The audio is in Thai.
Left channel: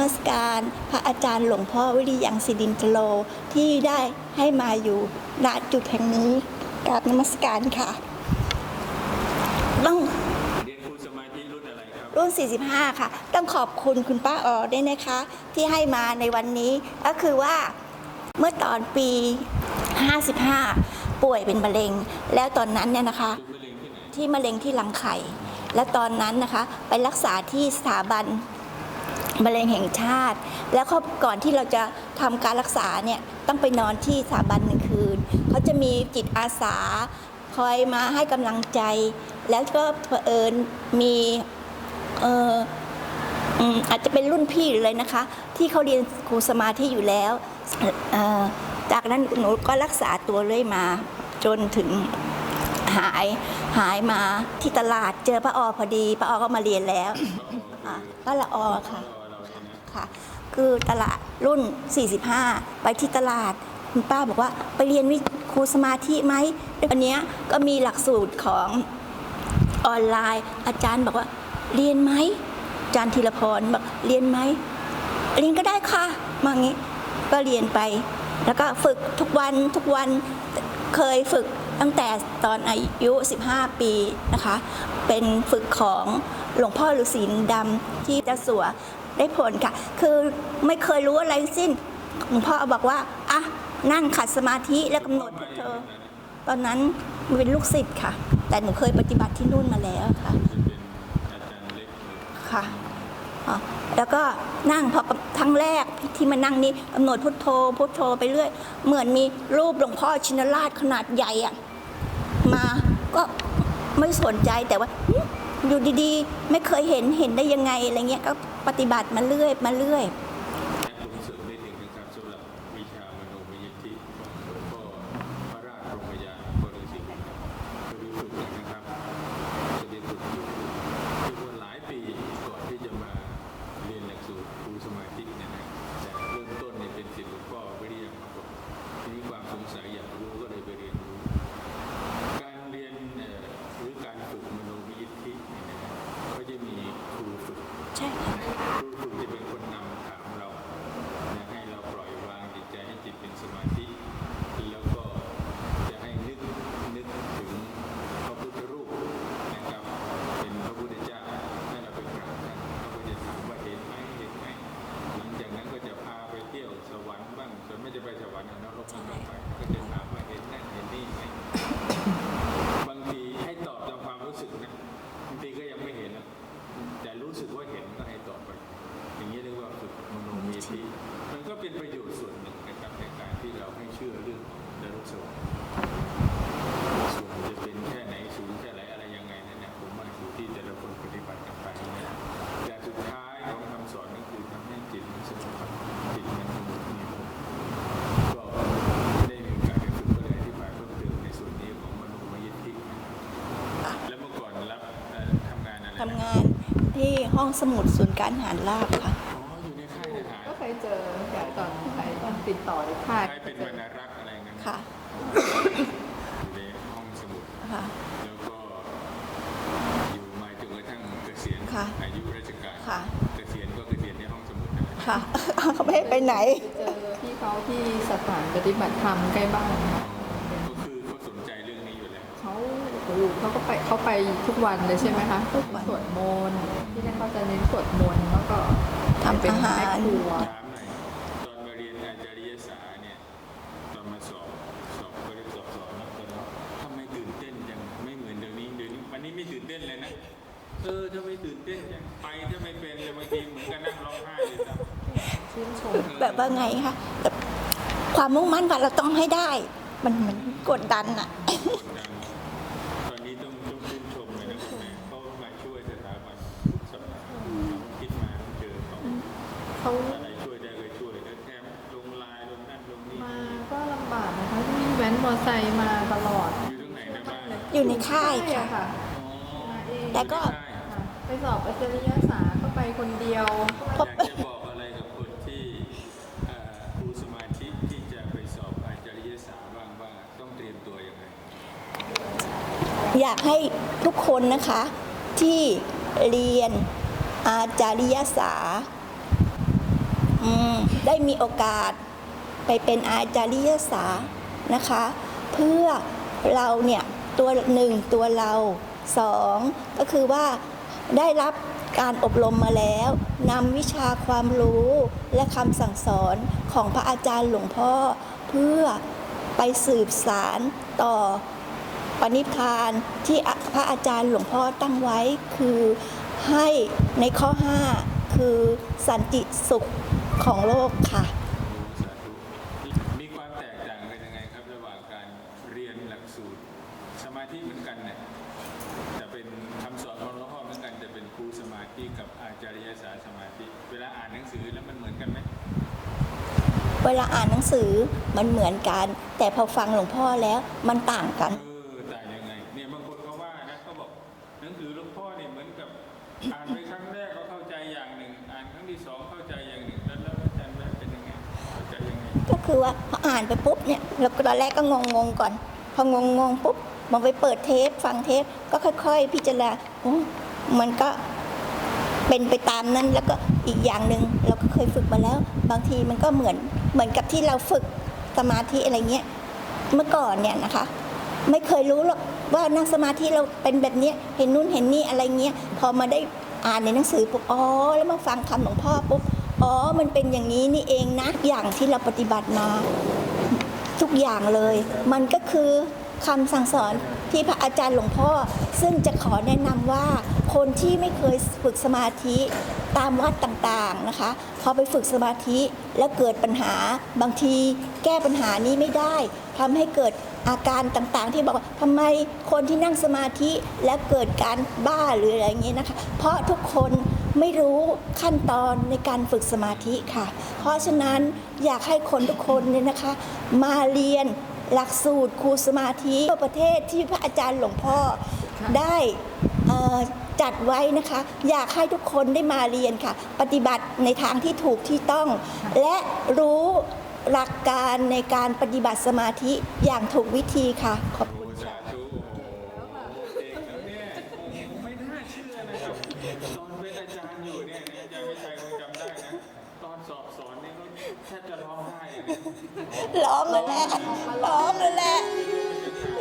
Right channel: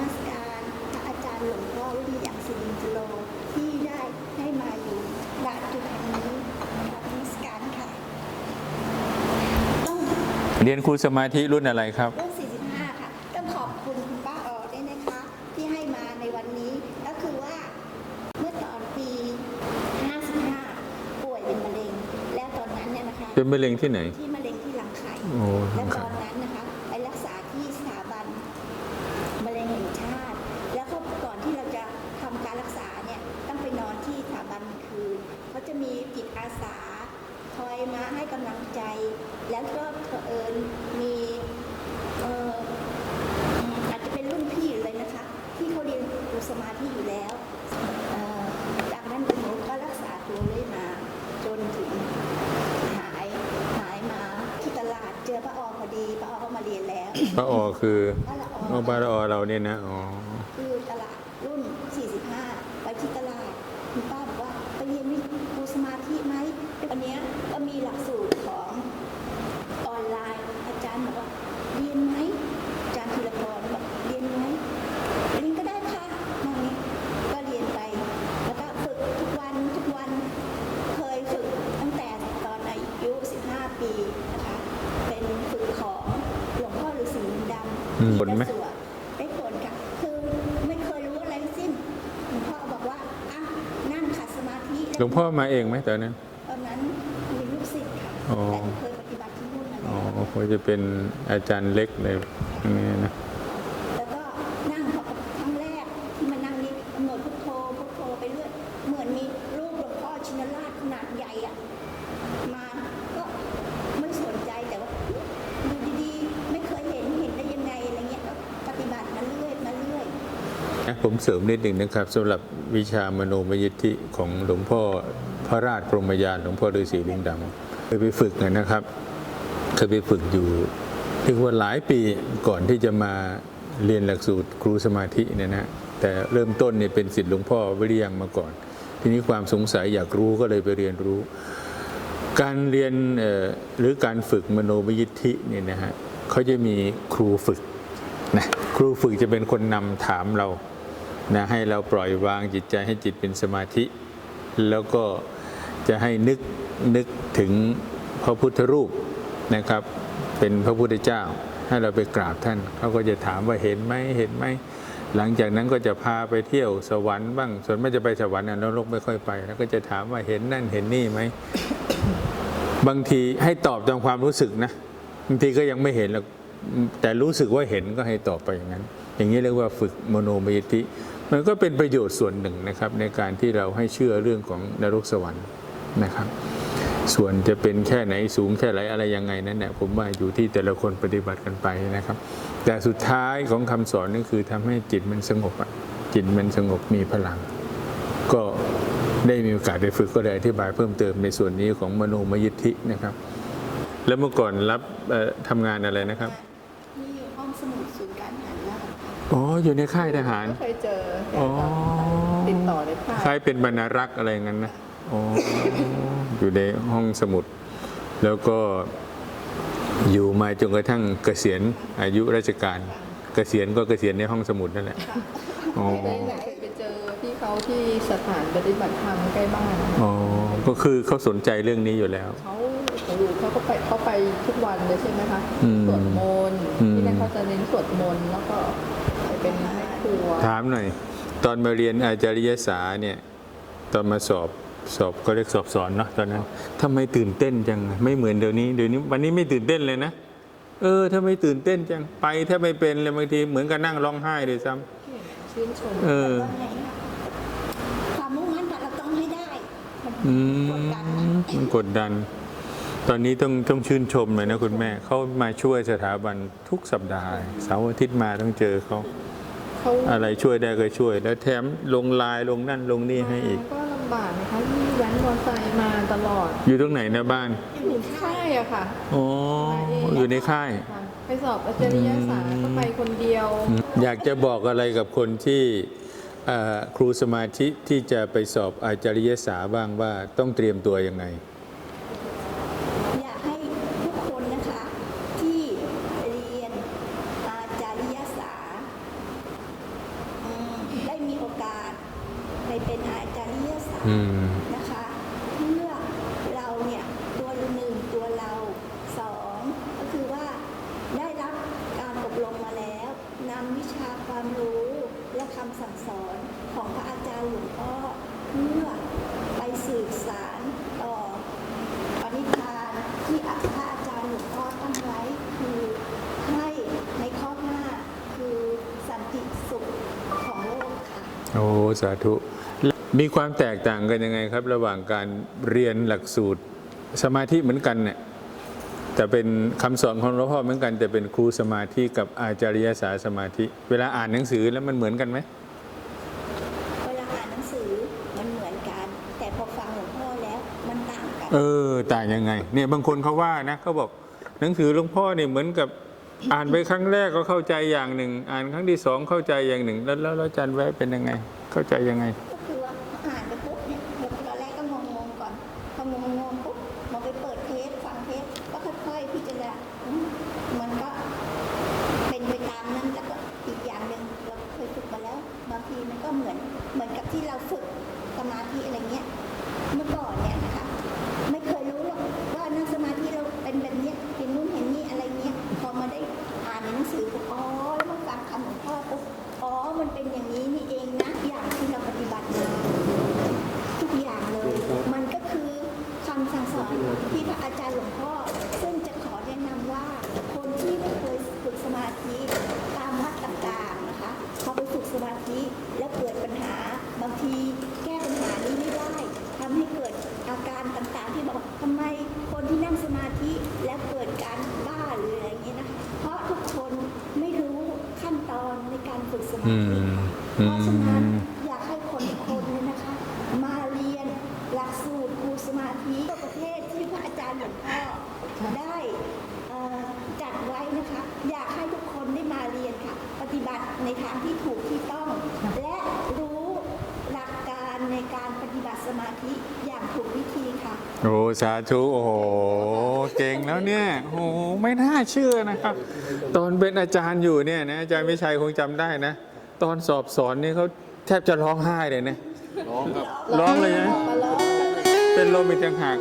มัสการพระอาจารย์หลวงพ่อวิริยังสิดินทโลที่ได้ให้มาอยู่ณจุดแห่งนี้กราบนมัสการค่ะ ต้องเรียนครูสมาธิรุ่นอะไรครับ รุ่น 45 ค่ะ ต้องขอบคุณคุณป้าออด้วยนะคะ ที่ให้มาในวันนี้ก็คือว่าเมื่อตอนปี 55 ป่วยเป็นมะเร็ง แล้วตอนนั้นเนี่ยนะคะ เป็นมะเร็งที่ไหน ที่มะเร็งที่รังไข่โอ้และตอนนั้นนะคะ ไปรักษาที่สถาบัน มะเร็งแห่งชาติ แล้วก่อนที่เราจะทำการรักษาเนี่ยต้องไปนอนที่สถาบันหนึ่งคืนเขาจะมีจิตอาสาคอยมาให้กำลังใจ แล้วก็เผอิญมีเอ่ออืมอาจจะเป็นรุ่นพี่หรืออะไรนะคะ ที่เขาเรียนครูสมาธิอยู่แล้ว จากนั้นหนูก็รักษาตัวเรื่อยมาจนถึง หายหายมาที่ตลาดเจอป้าออพอดีป้าออก็มาเรียนแล้วพระออคือป้าละออพระออเราเนี่ยนะอ๋อค่ะคือตลาดรุ่น 45 ไปที่ตลาดคุณป้าบอกว่าไปเรียนวิครูสมาธิไหมวันเนี้ยก็มีหลักสูตรของออนไลน์ อาจารย์บอกว่า เรียนไหมอาจารย์ธีรพรบอกเรียนไหมเรียนก็ได้ค่ะมาอย่างนี้ก็เรียนไป แล้วก็ฝึกทุกวันทุกวันเคยฝึก ตั้งแต่ตอนอายุ 15 ปีนะคะ เป็นฝึกของหลวงพ่อฤาษีลิงดำที่ผลไหมจะสัวได้ผลค่ะ คือไม่เคยรู้อะไรทั้งสิ้นหลวงพ่อบอกว่าอะนั่งขัดสมาธิแล้วหลวงพ่อำดมาเองไหมตอนนั้น ตอนนั้นเป็นลูกศิษย์ค่ะอ๋อแต่หนูเคยปฏิบัติที่นู่นมาแล้วค่ะก็จะเป็นอาจารย์เล็กเลยค่ะอย่างนี้นะอ๋อแล้วก็นั่งพอครั้งแรกที่มานั่งนี้กำหนดพุทโธพุทโธไปเรื่อย เหมือนมีรูปหลวงพ่อชินราชขนาดใหญ่อะ มาก็ไม่สนใจแต่ว่าอยู่ดีๆ ไม่เคยเห็นเห็นได้ยังไงอะไรเงี้ยก็ปฏิบัติมาเรื่อยมาเรื่อย ผมเสริมนิดหนึ่งนะครับสำหรับวิชามโนมยิทธิของหลวงพ่อพระราชพรหมยานหลวงพ่อฤาษีลิงดำเคยไปฝึกนะครับเคยไปฝึกอยู่เรียกว่าหลายปีก่อนที่จะมาเรียนหลักสูตรครูสมาธิเนี่ยนะแต่เริ่มต้นเนี่ยเป็นศิษย์หลวงพ่อวิริยังมาก่อน ทีนี้ความสงสัยอยากรู้ก็เลยไปเรียนรู้ การเรียนเอ่อหรือการฝึกมโนมยิทธิเนี่ยนะฮะเขาจะมีครูฝึกใช่นะครูฝึกจะเป็นคนนำถามเรานะให้เราปล่อยวางจิตใจให้จิตเป็นสมาธิ แล้วก็จะให้นึกนึกถึงพระพุทธรูปนะครับ เป็นพระพุทธเจ้า ให้เราไปกราบท่านเขาก็จะถามว่าเห็นไหมเห็นไหม หลังจากนั้นก็จะพาไปเที่ยวสวรรค์บ้าง ส่วนไม่จะไปสวรรค์นะนรกไม่ค่อยไป แล้วก็จะถามว่าเห็นนั่นเห็นนี่ไหม บางทีให้ตอบตามความรู้สึกนะ บางทีก็ยังไม่เห็นหรอกแต่รู้สึกว่าเห็นก็ให้ตอบไปอย่างนั้น อย่างนี้เรียกว่าฝึกมโนมยิธิ มันก็เป็นประโยชน์ส่วนหนึ่งนะครับ ในการที่เราให้เชื่อเรื่องของนรกสวรรค์นะครับ ส่วนจะเป็นแค่ไหนสูงแค่ไหนอะไรยังไงนั้นเนี่ยผมว่าอยู่ที่แต่ละคนปฏิบัติกันไปนะครับ แต่สุดท้ายของคำสอนนั่นคือทำให้จิตมันสงบอะจิตมันสงบมีพลัง ก็ได้มีโอกาสได้ฝึกก็ได้อธิบายเพิ่มเติมในส่วนนี้ของมโนมยิทธินะครับ แล้วเมื่อก่อนรับเอ่อทำงานอะไรนะครับทำงานที่ห้องสมุดศูนย์การทหารราบค่ะอ๋ออยู่ในค่ายทหารก็เคยเจออ๋อติดต่อได้ค่ายค่ายเป็นบรรณารักษ์อะไรอย่างนั้นนะค่ะ อ๋ออยู่ในห้องสมุด ค่ะแล้วก็อยู่มาจนกระทั่งเกษียณค่ะอายุราชการ ค่ะ เกษียณก็เกษียณในห้องสมุดนั่นแหละ ค่ะไม่ไปไหน ไปเจอพี่เขาที่สถานปฏิบัติธรรมใกล้บ้านค่ะอ๋อ ก็คือเขาสนใจเรื่องนี้อยู่แล้ว เขาโอ้โหเขาก็ไปเขาไปทุกวันนะใช่ไหมคะอืมสวดมนต์อืม ที่นั่นเขาจะเน้นสวดมนต์แล้วก็ทำเป็นอาหารแม่ครัวถามหน่อย ตอนมาเรียนอาจารยศาสตร์เนี่ย ตอนมาสอบ สอบก็เรียกสอบสอนเนาะตอนนั้นทำไมตื่นเต้นจังอะไม่เหมือนเดี๋ยวนี้เดี๋ยวนี้วันนี้ไม่ตื่นเต้นเลยนะเออถ้าไม่ตื่นเต้นจังไปถ้าไม่เป็นเลยบางทีเหมือนกับนั่งร้องไห้เลยซ้ชื่นชมำเออแบบว่าไงคะแบบความมุ่งมั่นว่าเราต้องให้ได้ มันอืมกดดันอะมันกดดัน ตอนนี้ต้องต้องชื่นชมเลยนะคุณแม่เขามาช่วยสถาบันทุกสัปดาห์เสาร์อาทิตย์มาต้องเจอเขา เขาอะไรช่วยได้ก็ช่วย แล้วแถมลงไลายลงนั่นลงนี่ให้อีก ก็ลำบากนะคะที่แว้นมอเตอร์ไซค์มาตลอด อยู่ตรงไหนนะบ้านอยู่ในค่ายอะค่ะอ๋ออยู่ในค่าย ค่ะไปสอบอาจารยศาสตร์ก็ไปคนเดียว อยากจะบอกอะไรกับคนที่เอ่อครูสมาธิที่จะไปสอบอาจารยศาสตร์บ้างว่าต้องเตรียมตัวยังไง อยากให้ทุกคนนะคะที่เรียนอาจาริยศาสตร์ อืมได้มีโอกาสไปเป็นอาจารย์ศาสตร์อืม นะคะ เพื่อเราเนี่ยตัวหนึ่งตัวเราสองก็คือว่าได้รับการอบรมมาแล้วนำวิชาความรู้และคำสั่งสอนของพระอาจารย์หลวงพ่อ เพื่อไปสืบสารต่อ ปณิพานที่พระอาจารย์หลวงพ่อตั้งไว้คือให้ในข้อ 5 คือสันติสุข ของโลกค่ะ โอ้สาธุ มีความแตกต่างกันยังไงครับ ระหว่างการเรียนหลักสูตร สมาธิเหมือนกันเนี่ยแต่เป็นคำสอนของหลวงพ่อเหมือนกันแต่เป็นครูสมาธิกับอาจารยศาสตร์สมาธิ เวลาอ่านหนังสือแล้วมันเหมือนกันไหมเวลาอ่านหนังสือมันเหมือนกัน แต่พอฟังหลวงพ่อแล้วมันต่างกัน เออต่างยังไง เนี่ยบางคนเขาว่านะเขาบอกหนังสือหลวงพ่อเนี่ยเหมือนกับ อ่านไปครั้งแรกก็เข้าใจอย่างหนึ่ง อ่านครั้งที่สองเข้าใจอย่างหนึ่ง แล้วแล้วอาจารย์แวะเป็นยังไง เข้าใจยังไง ก็คือว่าพออ่านไปปุ๊บเนี่ยเราตอนแรกก็งงงๆก่อน พองงงๆปุ๊บมองไปเปิดเทปฟังเทปก็ค่อย ๆ พิจารณามันก็เป็นไปตามนั้นแล้วก็อีกอย่างหนึ่งเราก็เคยฝึกมาแล้ว บางทีมันก็เหมือนเหมือนกับที่เราฝึกสมาธิอะไรเงี้ยเมื่อก่อนเนี่ยนะคะ ไม่เคยรู้หรอกว่านั่งสมาธิเราเป็นแบบนี้เห็นนู่นเห็นนี่อะไรเงี้ยพอมาได้อ่านในหนังสือปุ๊บอ๋อแล้วมาฟังคำของพ่อปุ๊บอ๋อมันเป็นอย่างนี้นี่เองนะอย่างที่เราปฏิบัติมา ทุกอย่างเลย มันก็คือ คำสั่งสอนที่พระอาจารย์หลวงพ่อ ซึ่งจะขอแนะนำว่าคนที่ไม่เคยฝึกสมาธิตามวัดต่างๆนะคะพอไปฝึกสมาธิแล้วเกิดปัญหาบางทีแก้ปัญหานี้ไม่ได้ทำให้เกิดอาการต่างๆ ที่บอกว่าทำไมคนที่นั่งสมาธิและเกิดการบ้าหรืออะไรอย่างเงี้ยนะคะเพราะทุกคนไม่รู้ขั้นตอนในการฝึกสมาธิค่ะ เพราะฉะนั้นอยากให้คนทุกคนเนี่ยนะคะ มาเรียน หลักสูตรครูสมาธิทั่วประเทศที่พระอาจารย์หลวงพ่อค่ะได้เอ่อจัดไว้นะคะ อยากให้ทุกคนได้มาเรียนค่ะ ปฏิบัติในทางที่ถูกที่ต้อง และรู้หลักการในการปฏิบัติสมาธิอย่างถูกวิธีค่ะ โอ้สาธุโอ้โหเก่งแล้วเนี่ยโอ้โหไม่น่าเชื่อนะครับ ตอนเป็นอาจารย์อยู่เนี่ยนะอาจารย์วิชัยคงจำได้นะ ตอนสอบสอนนี่เขาแทบจะร้องไห้เลยนะ ร้องร้องเลยนะ ร้องเลยแหละเป็นลมอีกต่างหาก